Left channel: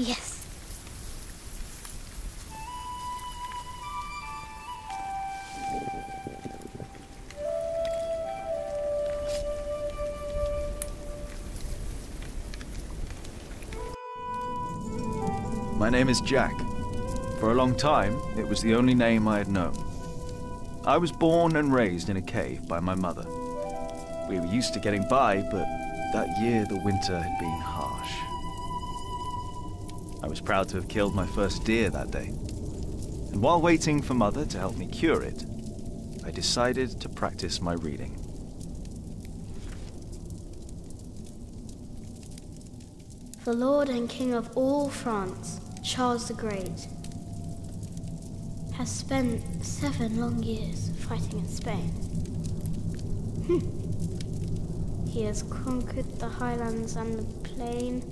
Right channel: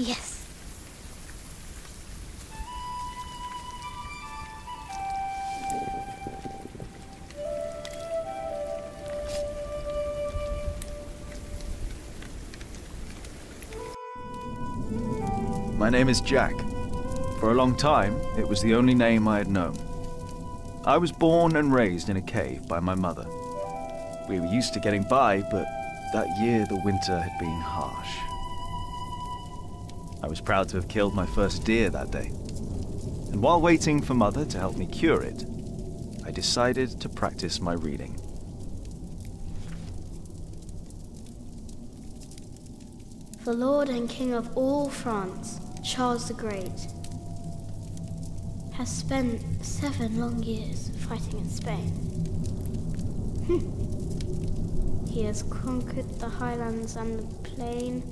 Yes. My name is Jack. For a long time, it was the only name I had known. I was born and raised in a cave by my mother. We were used to getting by, but that year the winter had been harsh. I was proud to have killed my first deer that day. And while waiting for Mother to help me cure it, I decided to practice my reading. The Lord and King of all France, Charles the Great, has spent 7 long years fighting in Spain. He has conquered the highlands and the plain.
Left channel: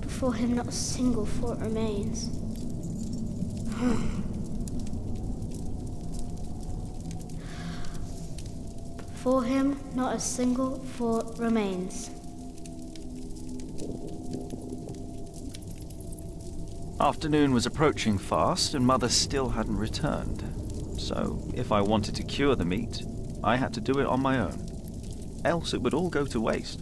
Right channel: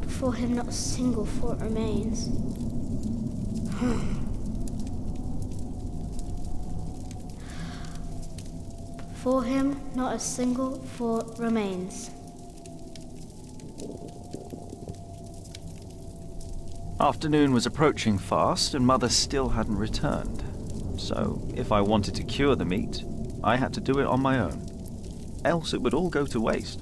Before him not a single fort remains. Before him not a single fort remains. Afternoon was approaching fast, and Mother still hadn't returned. So, if I wanted to cure the meat, I had to do it on my own. Else it would all go to waste.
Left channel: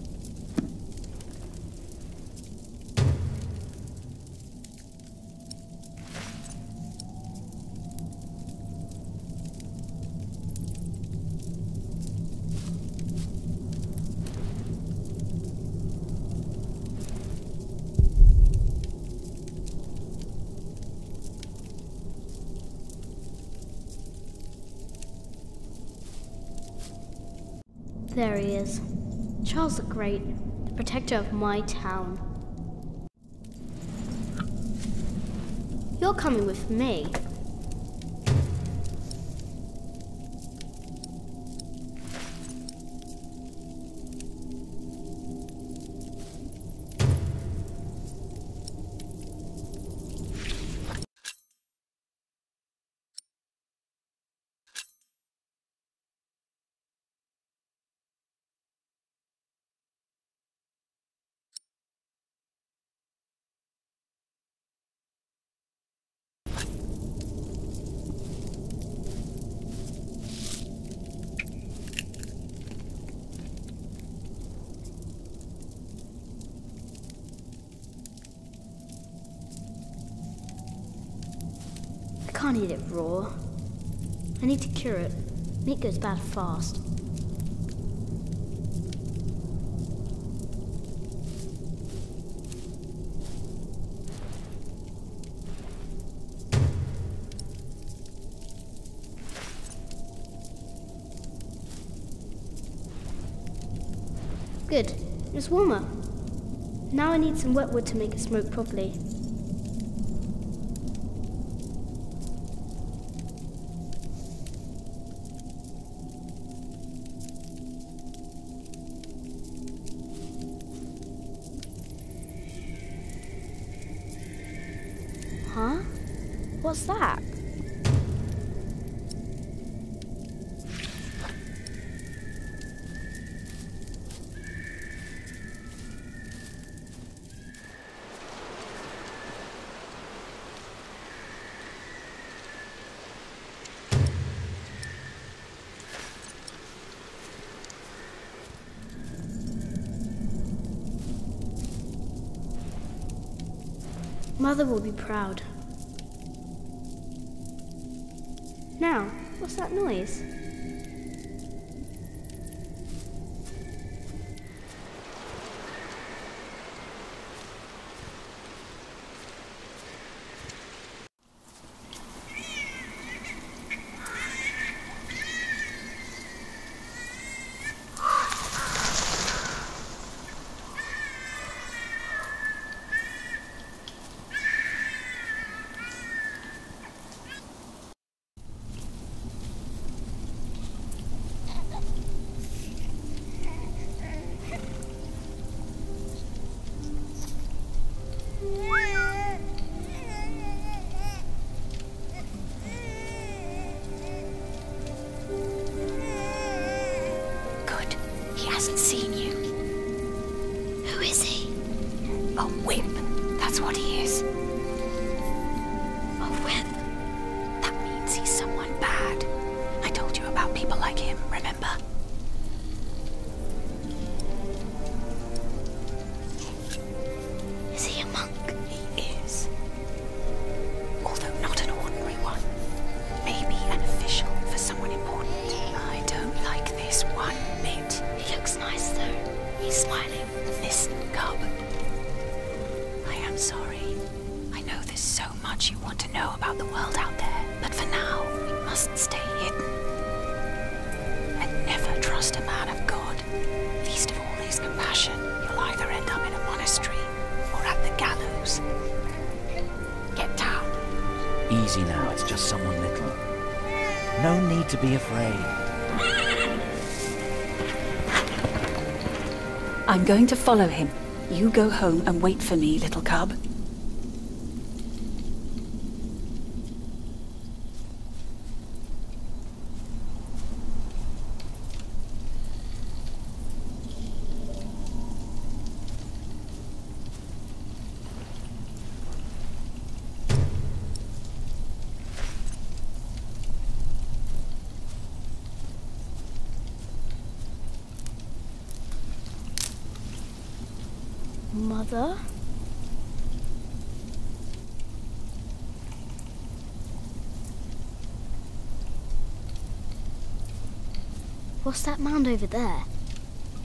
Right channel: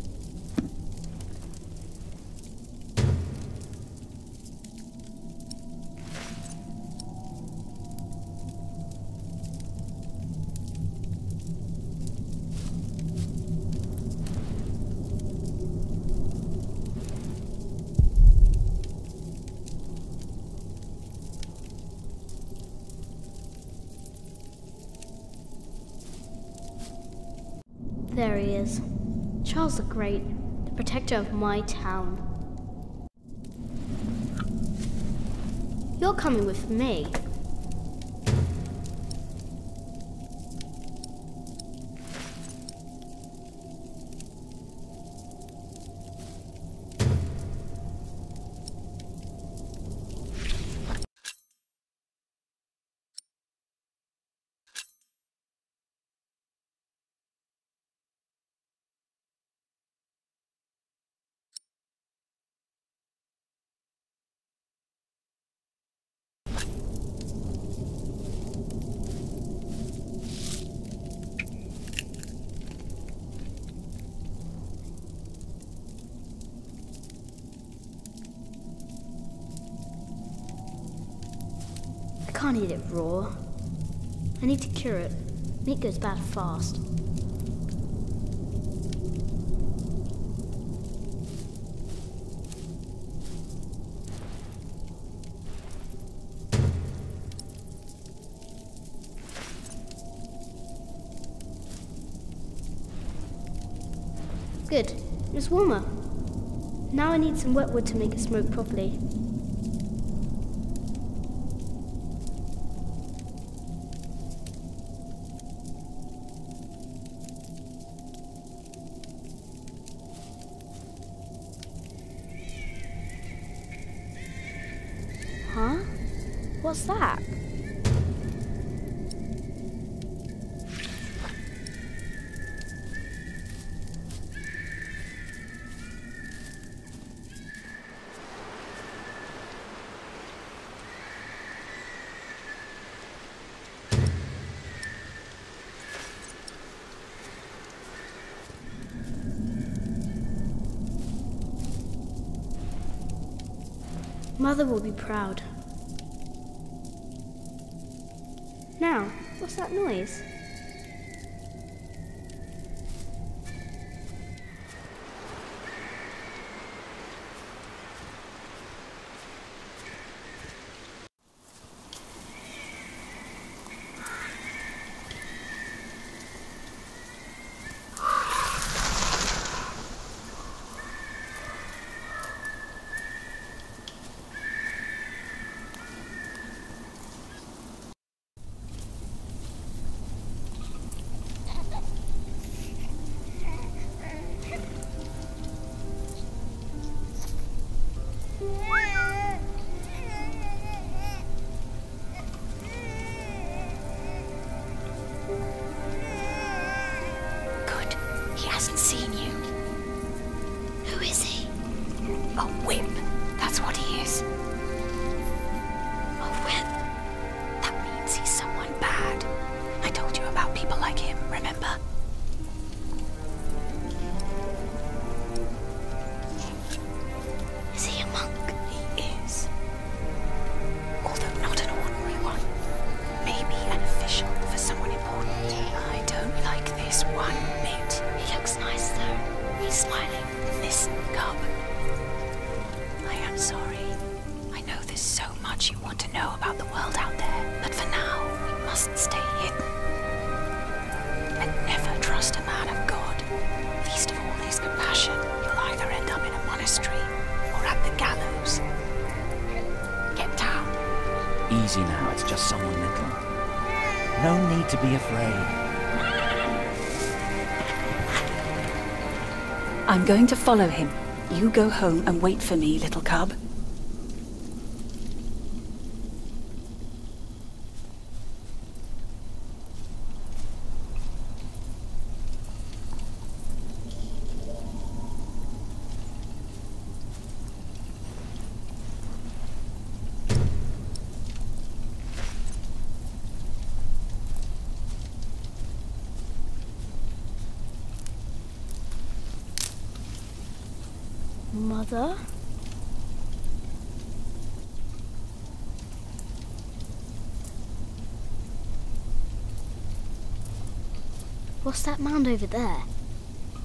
There he is. Charles the Great, the protector of my town. You're coming with me. I can't eat it raw. I need to cure it. Meat goes bad fast. Good. It's warmer. Now I need some wet wood to make it smoke properly. Huh? What's that? Mother will be proud. Now, what's that noise? with. That means he's someone bad. I told you about people like him, remember? Is he a monk? He is. Although not an ordinary one. Maybe an official for someone important. I don't like this one bit. He looks nice though. He's smiling. Listen, Cub. I am sorry. I know there's so much you want to know about the world out there, but for now, we must stay hidden. And never trust a man of God. Least of all his compassion. You'll either end up in a monastery or at the gallows. Get down. Easy now, it's just someone little. No need to be afraid. I'm going to follow him. You go home and wait for me, little cub. Mother? What's that mound over there?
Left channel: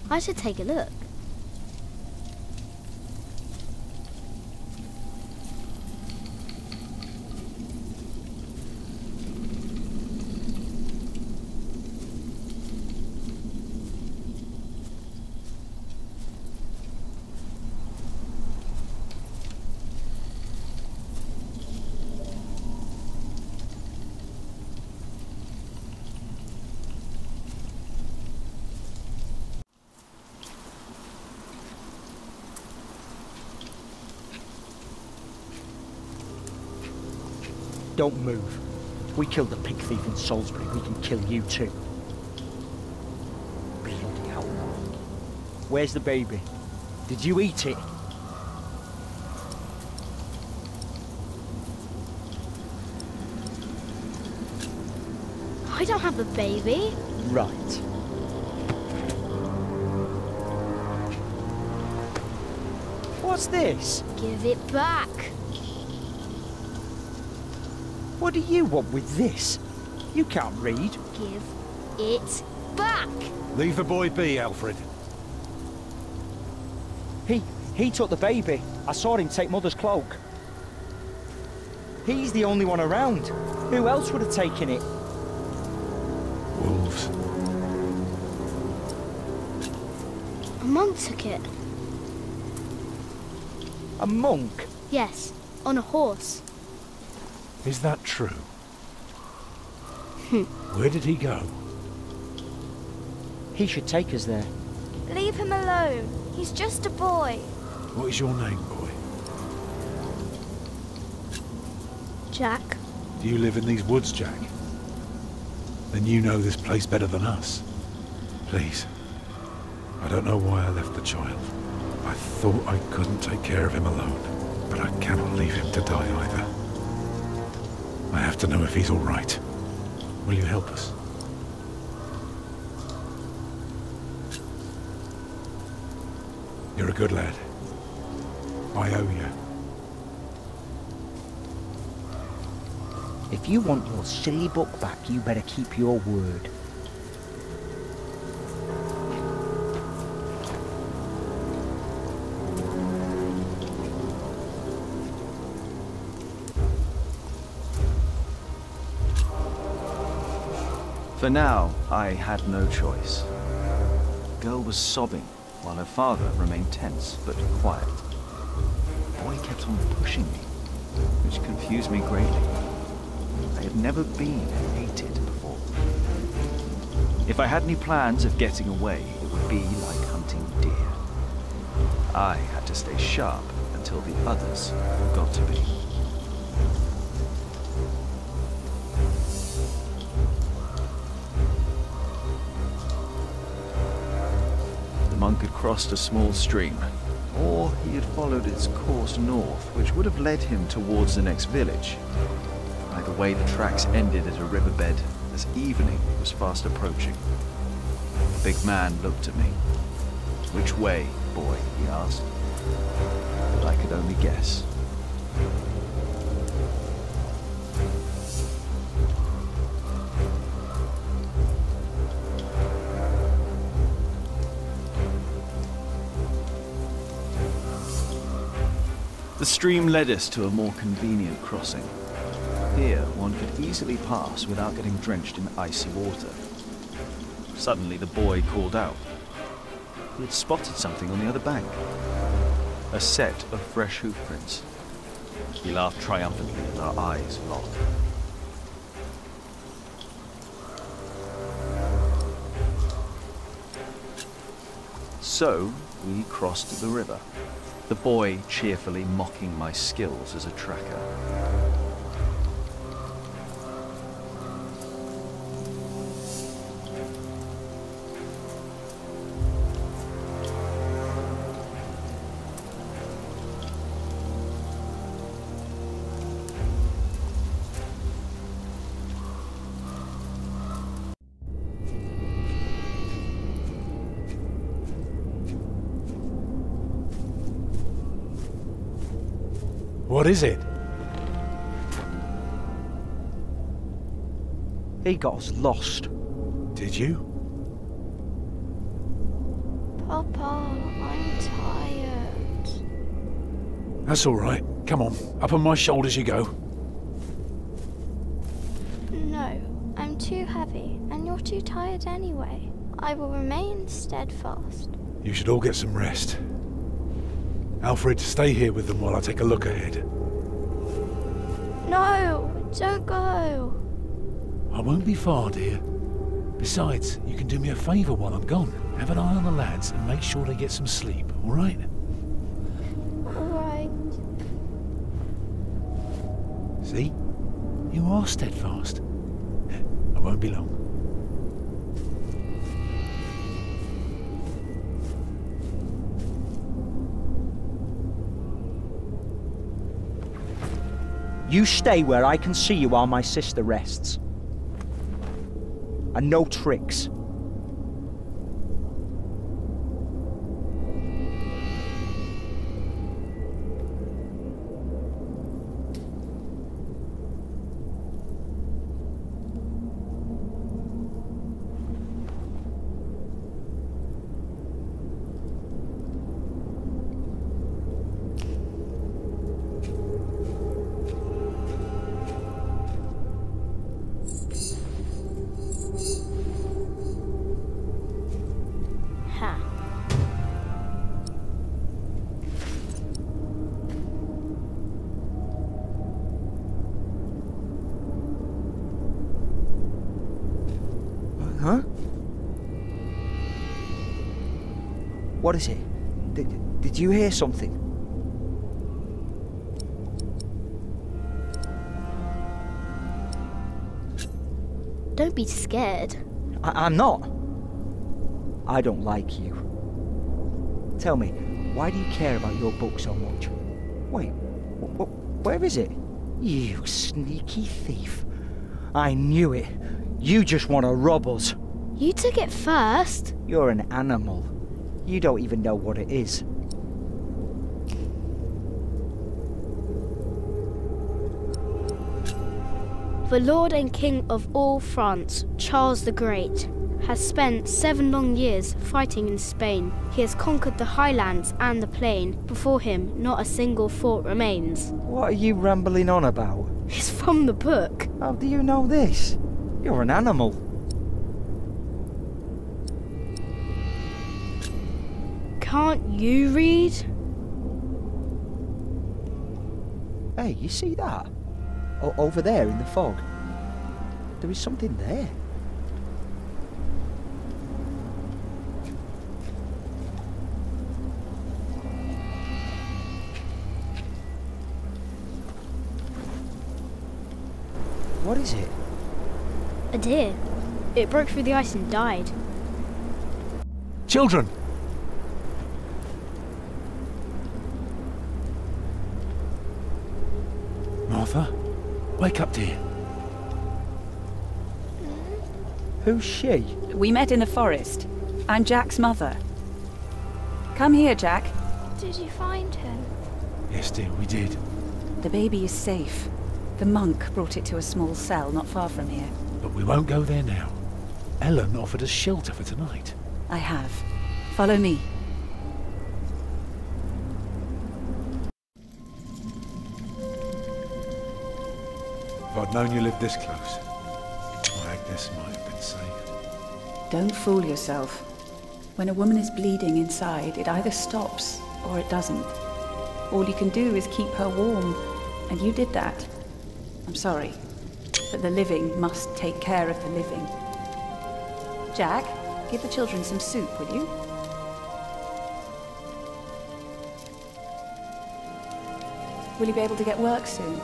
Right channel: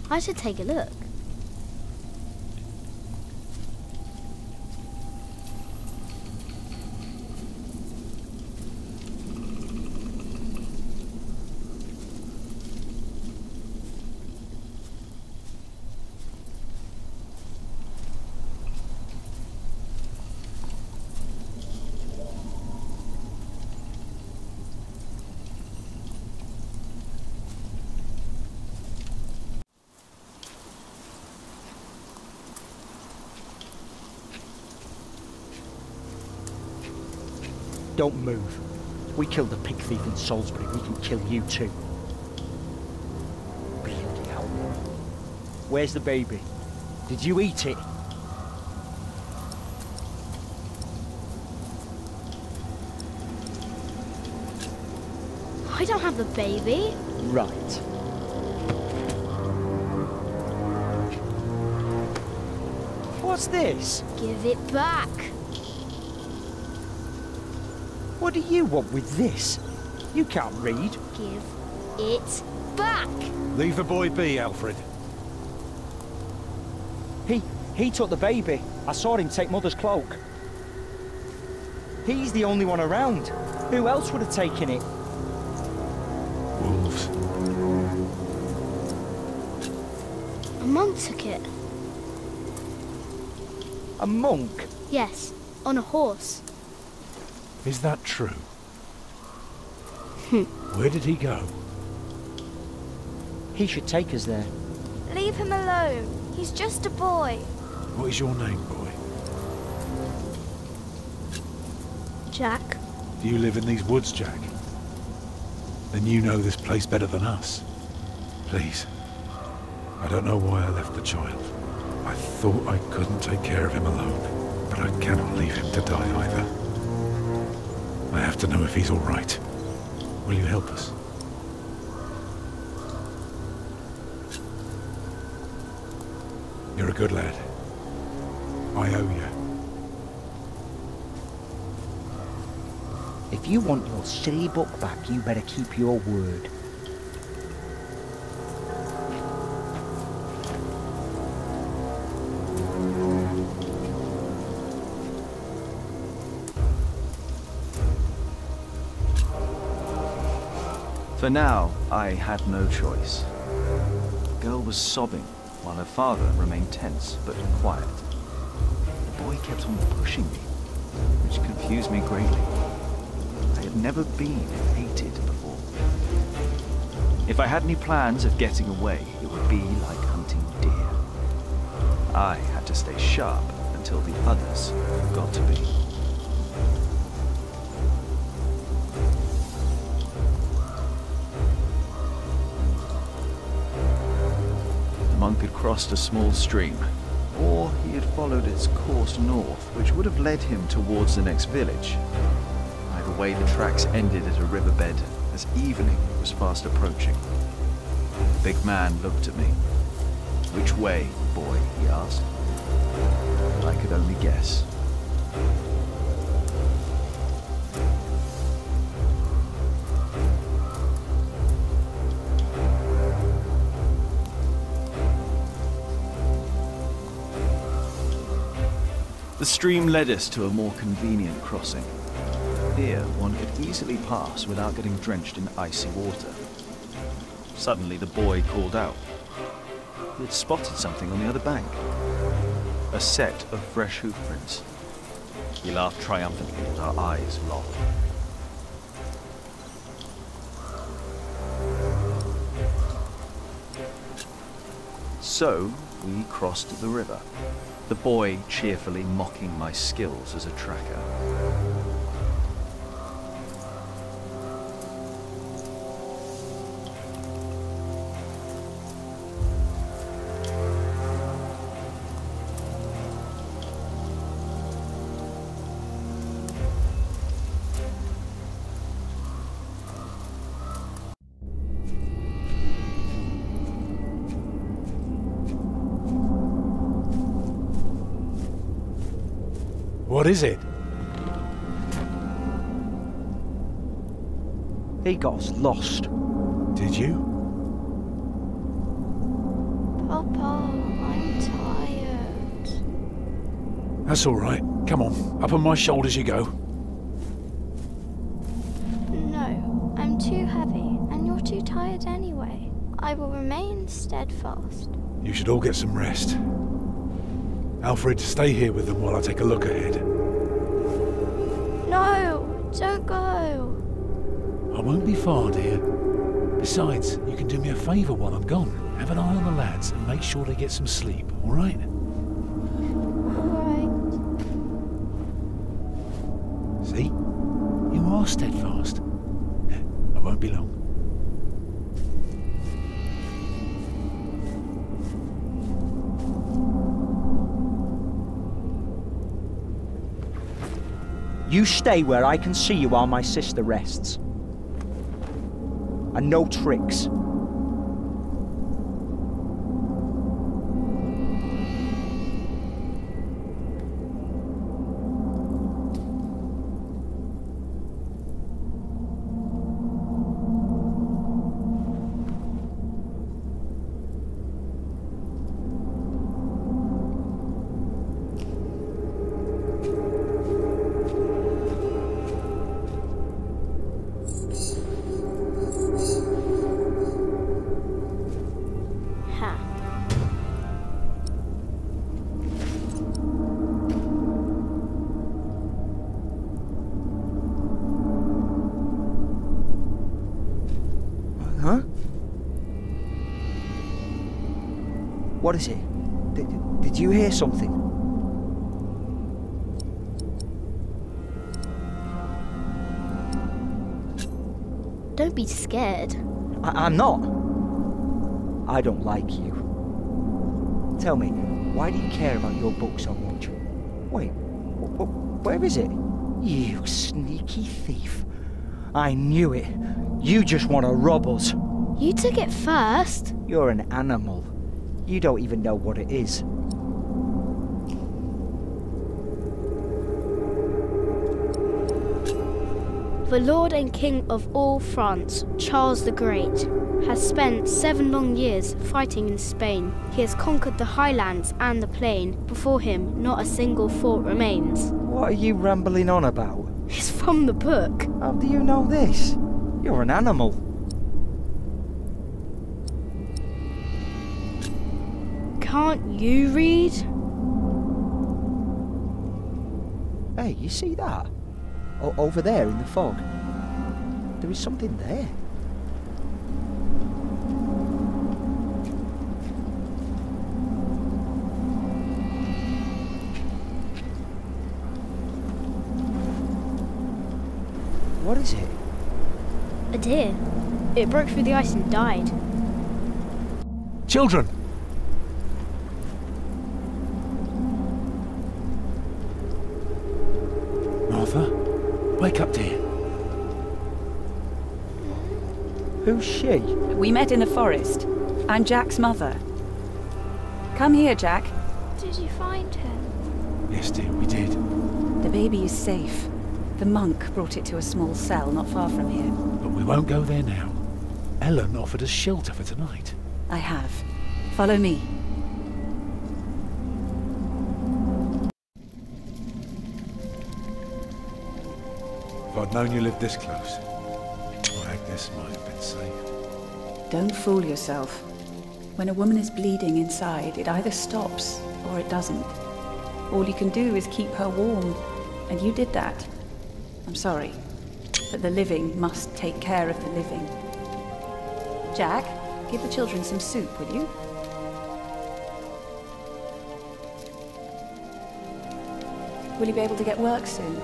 I should take a look. Don't move. We killed a pig thief in Salisbury, we can kill you too. Bloody outlaw. Where's the baby? Did you eat it? I don't have the baby. Right. What's this? Give it back. What do you want with this? You can't read. Give it back. Leave the boy be, Alfred. He took the baby. I saw him take Mother's cloak. He's the only one around. Who else would have taken it? Wolves. A monk took it. A monk? Yes, on a horse. Is that true? Where did he go? He should take us there. Leave him alone. He's just a boy. What is your name, boy? Jack? Do you live in these woods, Jack? Then you know this place better than us. Please. I don't know why I left the child. I thought I couldn't take care of him alone, but I cannot leave him to die either. I have to know if he's all right. Will you help us? You're a good lad. I owe you. If you want your silly book back, you better keep your word. For now, I had no choice. The girl was sobbing, while her father remained tense but quiet. The boy kept on pushing me, which confused me greatly. I had never been hated before. If I had any plans of getting away, it would be like hunting deer. I had to stay sharp until the others got to be. The monk had crossed a small stream, or he had followed its course north, which would have led him towards the next village. Either way, the tracks ended at a riverbed as evening was fast approaching. The big man looked at me. "Which way, boy?" he asked. But I could only guess. The stream led us to a more convenient crossing. Here, one could easily pass without getting drenched in icy water. Suddenly, the boy called out. He had spotted something on the other bank. A set of fresh hoof prints. He laughed triumphantly as our eyes locked. So, we crossed the river, the boy cheerfully mocking my skills as a tracker. What is it? He got us lost. Did you? Papa, I'm tired. That's all right. Come on, up on my shoulders you go. No, I'm too heavy, and you're too tired anyway. I will remain steadfast. You should all get some rest. Alfred, stay here with them while I take a look ahead. No, don't go. I won't be far, dear. Besides, you can do me a favour while I'm gone. Have an eye on the lads and make sure they get some sleep, all right? All right. See? You are steadfast. I won't be long. You stay where I can see you while my sister rests. And no tricks. Huh? What is it? Did you hear something? Don't be scared. I'm not. I don't like you. Tell me, why do you care about your book so much? Wait, where is it? You sneaky thief. I knew it. You just want to rob us. You took it first. You're an animal. You don't even know what it is. The Lord and King of all France, Charles the Great, has spent 7 long years fighting in Spain. He has conquered the highlands and the plain. Before him, not a single fort remains. What are you rambling on about? It's from the book. How do you know this? You're an animal. Can't you read? Hey, you see that? Over there in the fog. There is something there. What is it? A deer. It broke through the ice and died. Children! Martha? Wake up, dear. Who's she? We met in the forest. I'm Jack's mother. Come here, Jack. Did you find him? Yes, dear, we did. The baby is safe. The monk brought it to a small cell not far from here. But we won't go there now. Ellen offered us shelter for tonight. I have. Follow me. If I'd known you lived this close, my Agnes might have been saved. Don't fool yourself. When a woman is bleeding inside, it either stops or it doesn't. All you can do is keep her warm, and you did that. I'm sorry, but the living must take care of the living. Jack, give the children some soup, will you? Will you be able to get work soon?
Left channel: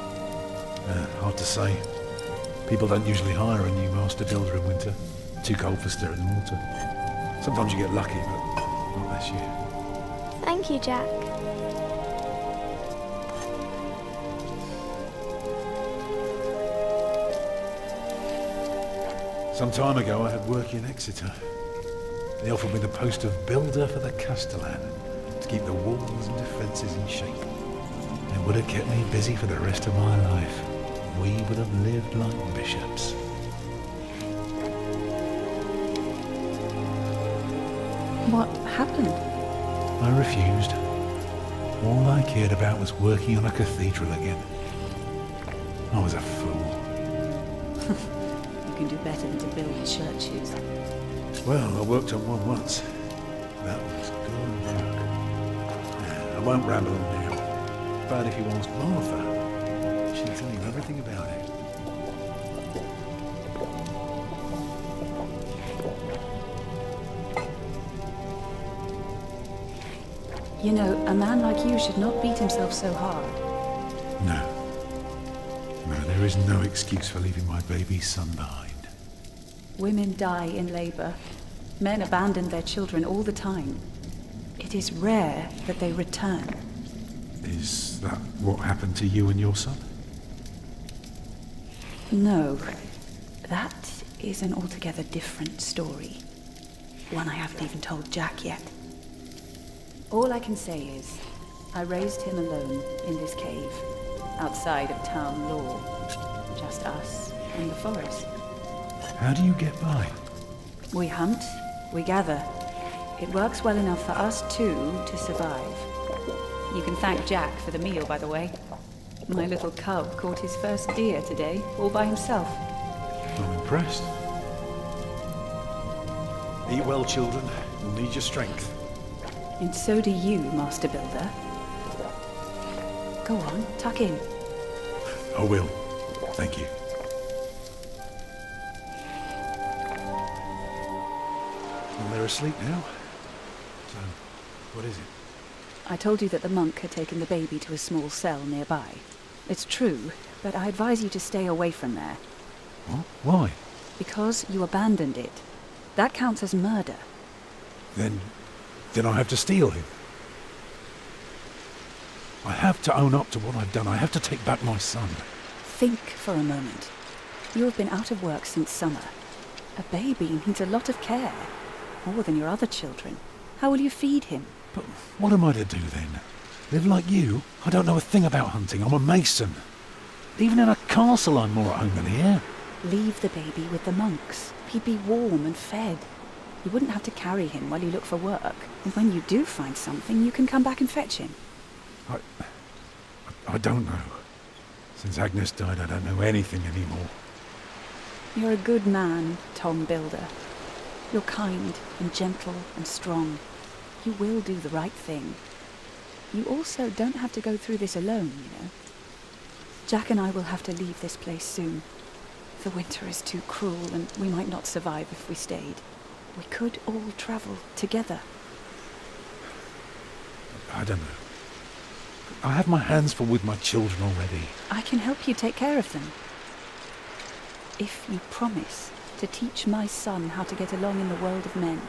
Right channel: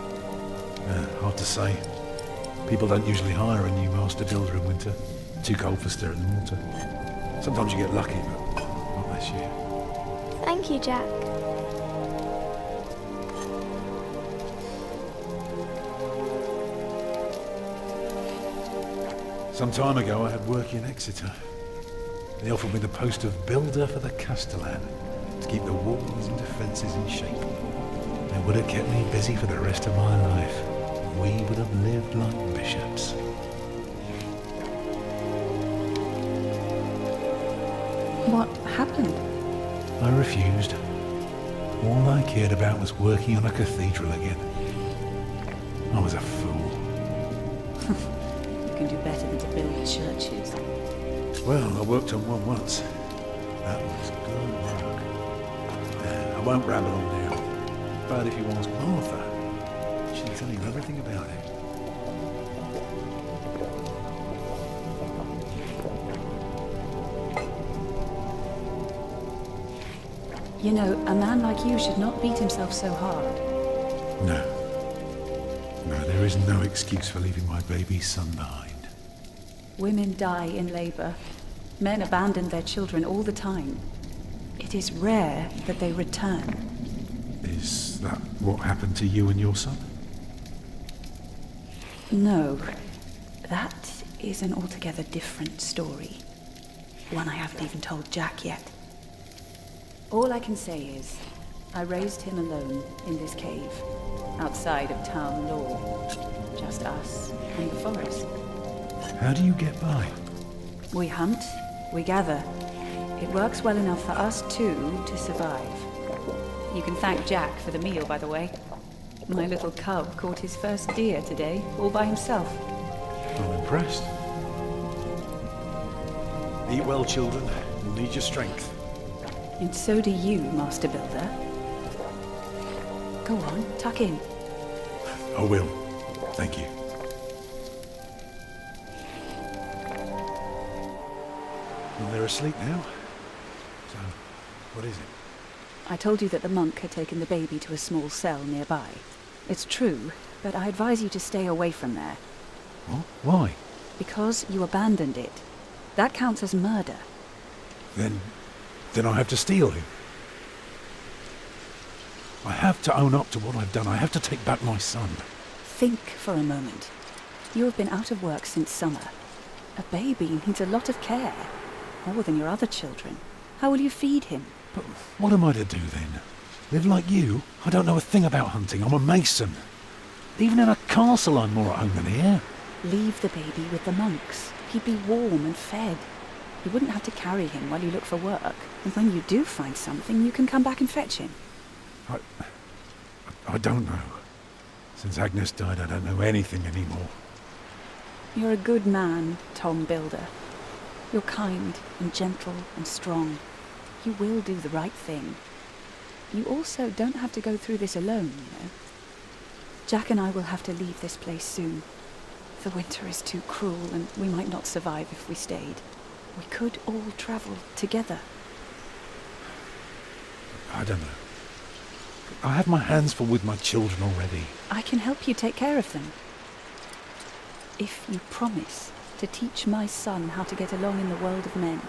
Hard to say. People don't usually hire a new master builder in winter. Too cold for stirring water. Sometimes you get lucky, but not this year. Thank you, Jack. Some time ago I had work in Exeter. They offered me the post of builder for the Castellan, to keep the walls and defences in shape. It would have kept me busy for the rest of my life. We would have lived like bishops. What happened? I refused. All I cared about was working on a cathedral again. I was a fool. You can do better than to build churches. Well, I worked on one once. That was good work. I won't ramble on now. But if you ask Martha, she'll tell you everything about it. You know, a man like you should not beat himself so hard. No. No, there is no excuse for leaving my baby son behind. Women die in labour. Men abandon their children all the time. It is rare that they return. Is that what happened to you and your son? No. That is an altogether different story. One I haven't even told Jack yet. All I can say is, I raised him alone in this cave, outside of town law. Just us and the forest. How do you get by? We hunt, we gather. It works well enough for us two to survive. You can thank Jack for the meal, by the way. My little cub caught his first deer today, all by himself. I'm impressed. Eat well, children. You'll need your strength. And so do you, Master Builder. Go on, tuck in. I will. Thank you. Well, they're asleep now. So, what is it? I told you that the monk had taken the baby to a small cell nearby. It's true, but I advise you to stay away from there. What? Why? Because you abandoned it. That counts as murder. Then I have to steal him. I have to own up to what I've done. I have to take back my son. Think for a moment. You have been out of work since summer. A baby needs a lot of care. More than your other children. How will you feed him? But what am I to do then? Live like you? I don't know a thing about hunting. I'm a mason. Even in a castle I'm more at home than here. Leave the baby with the monks. He'd be warm and fed. You wouldn't have to carry him while you look for work. And when you do find something, you can come back and fetch him. I don't know. Since Agnes died, I don't know anything anymore. You're a good man, Tom Builder. You're kind and gentle and strong. You will do the right thing. You also don't have to go through this alone, you know. Jack and I will have to leave this place soon. The winter is too cruel, and we might not survive if we stayed. We could all travel together. I don't know. I have my hands full with my children already. I can help you take care of them. If you promise to teach my son how to get along in the world of men.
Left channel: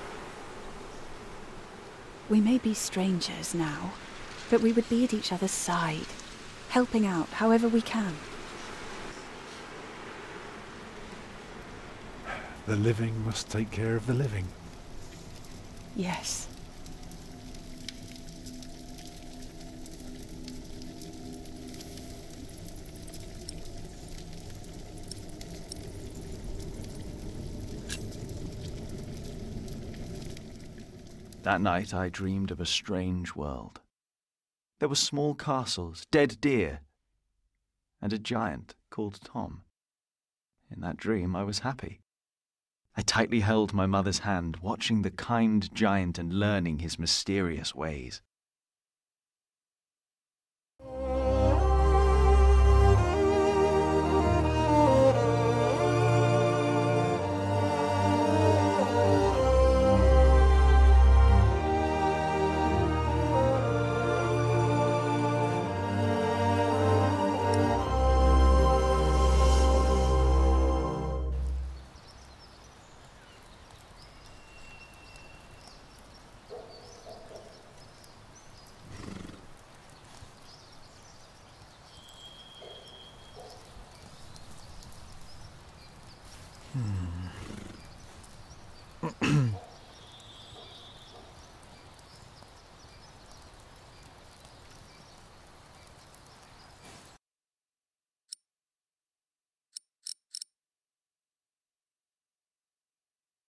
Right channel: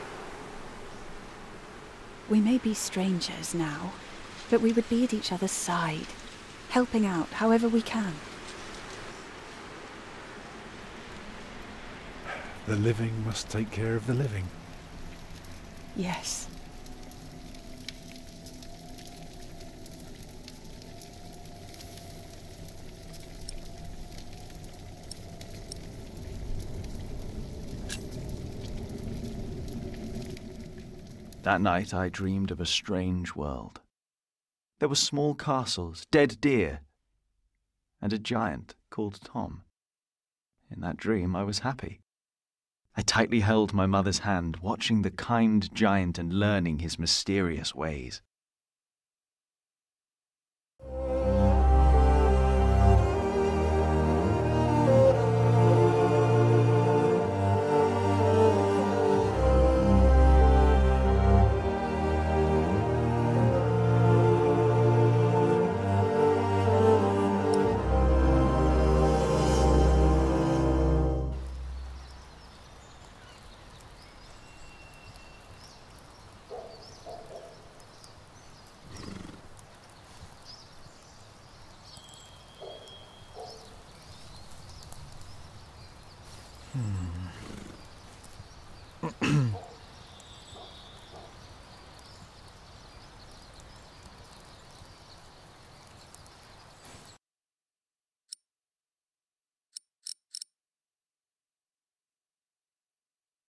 We may be strangers now, but we would be at each other's side, helping out however we can. The living must take care of the living. Yes. That night I dreamed of a strange world. There were small castles, dead deer, and a giant called Tom. In that dream I was happy. I tightly held my mother's hand, watching the kind giant and learning his mysterious ways.